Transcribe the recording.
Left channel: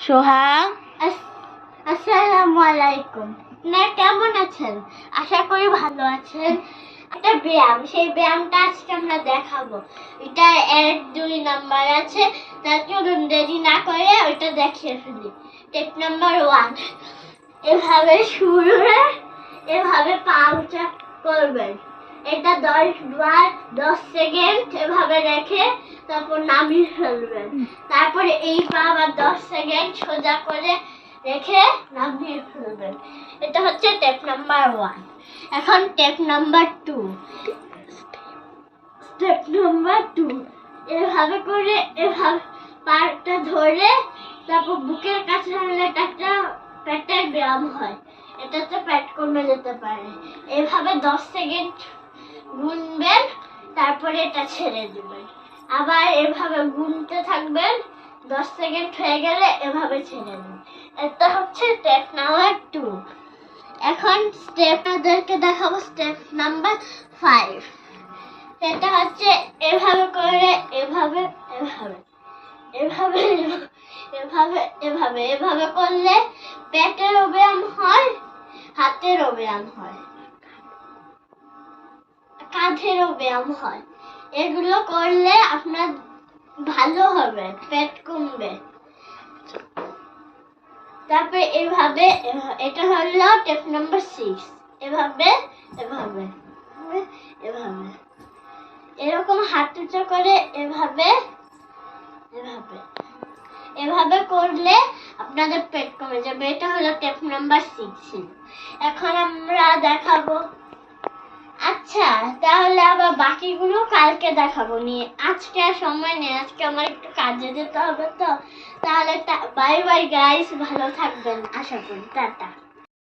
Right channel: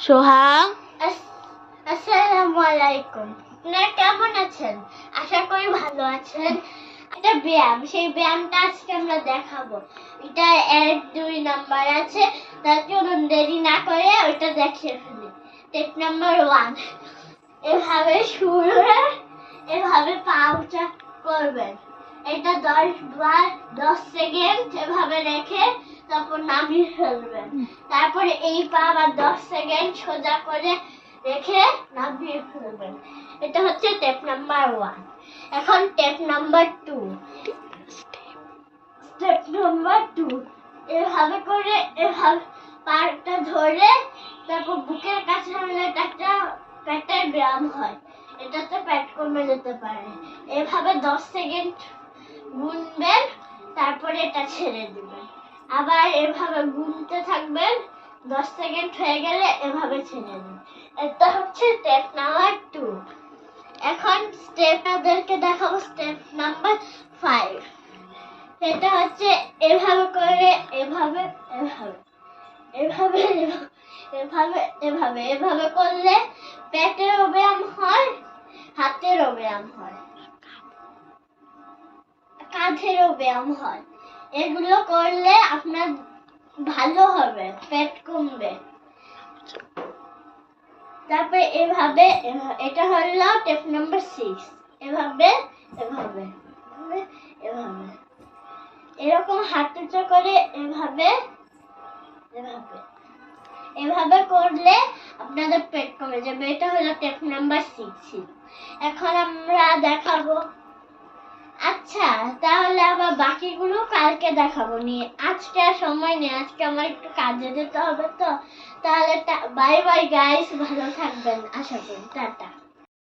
সোহাগ? আস- আসসালামু আলাইকুম আপনারা কেমন আছেন? আশা করি ভালো আছেন। একটা ব্যায়াম। সেই ব্যায়ামটা আজকে আমরা দেখাবো। এটা এক, দুই নাম্বার আছে। তার চলুন দেরি না করে ওইটা দেখিয়ে ফেলি। Step number one. এভাবে শুরু এভাবে পা উঁচা করবেন। এটা দশ বার দশ সেকেন্ড এভাবে রেখে তারপর নামিয়ে ফেলবেন তারপরে এই পা আবার দশ সেকেন্ড সোজা করে রেখে নামিয়ে ফেলবেন এটা হচ্ছে টেপ নাম্বার ওয়ান এখন step number two step number two এভাবে করে এভাবে পাটা ধরে তারপর বুকের কাছে হলে একটা পেটের ব্যায়াম হয়। এটাতে পেট কমে যেতে পারে। এভাবে দশ সেকেন্ড গুনবেন, তারপরে এটা ছেড়ে দিবেন। আবার এভাবে গুনতে থাকবেন, দশ সেকেন্ড হয়ে গেলে এভাবে ছেড়ে দিন এটা হচ্ছে স্টেপ নাম্বার টু এখন স্টেপ ওদেরকে দেখাবো স্টেপ নাম্বার ফাইভ এটা হচ্ছে এভাবে করে, এভাবে এভাবে এভাবে এভাবে এভাবে এভাবে করলে পেটেরও ব্যায়াম হয় হাতেরও ব্যায়াম হয়। কাঁধেরও ব্যায়াম হয়। এগুলো করলে আপনার ভালো হবে পেট কমবে। তারপরে এভাবে এটা হলো টেপ নাম্বার সিক্স এভাবে এভাবে এভাবে, এরকম হাত উঁচু করে এভাবে এভাবে। এভাবে করলে আপনাদের পেট কমে যাবে। এটা হলো টেপ নাম্বার সিক্স এখন আমরা দেখাবো আচ্ছা তাহলে আবার বাকিগুলো কালকে দেখাবো নিয়ে। আজকে আর সময় নেই, আজকে আমার একটু কাজে যেতে হবে তো। তাহলে বাই বাই গাইস ভালো থাকবেন, আশা করি, টাটা।